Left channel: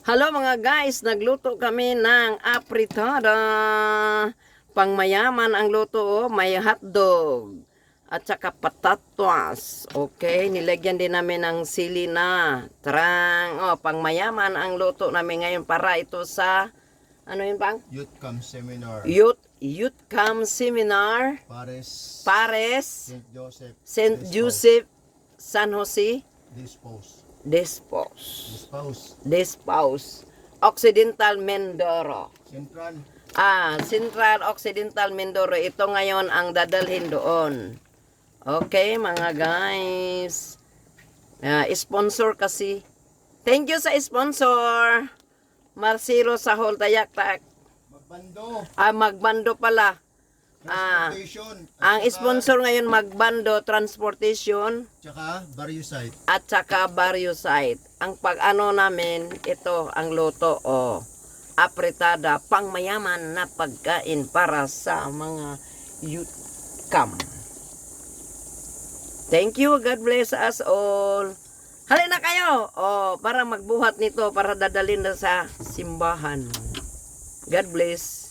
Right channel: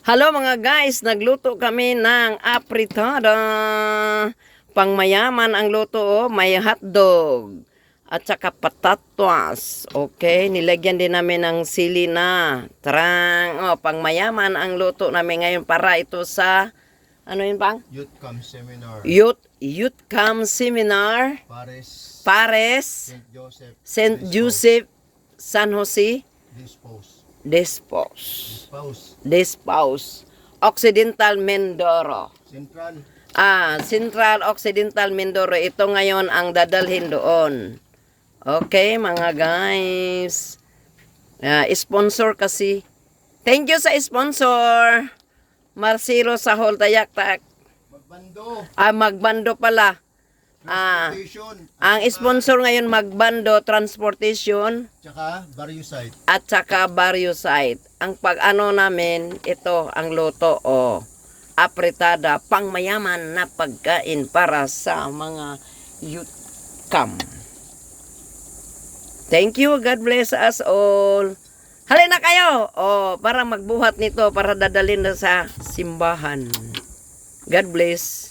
Hello mga guys, nagluto kami ng apritada. Pangmayaman ang luto, oh. May hotdog at saka patatas. Okay, nilagyan din namin ng sili na. Tarang, oh, pangmayaman ang luto namin ngayon para ito sa ano yun bang? Youth Camp Seminar. Youth Camp Seminar. Pares. St. Joseph, San Jose. Despaus. Occidental Mindoro. Central Occidental Mindoro. Ito ngayon ang dadalhin doon. Okay, mga guys. Sponsor kasi. Thank you sa sponsor. Marcelo sa Holtayak-tak. Magbando pala. Ang sponsor ngayon Magbando Transportation at saka Barrio Site. Ang pag-ano namin, ito ang luto apritada, pangmayaman na pagkain para sa mga youth camp. Thank you, God bless us all. Halina kayo para magbuhat nito para dadalhin na sa simbahan. God bless.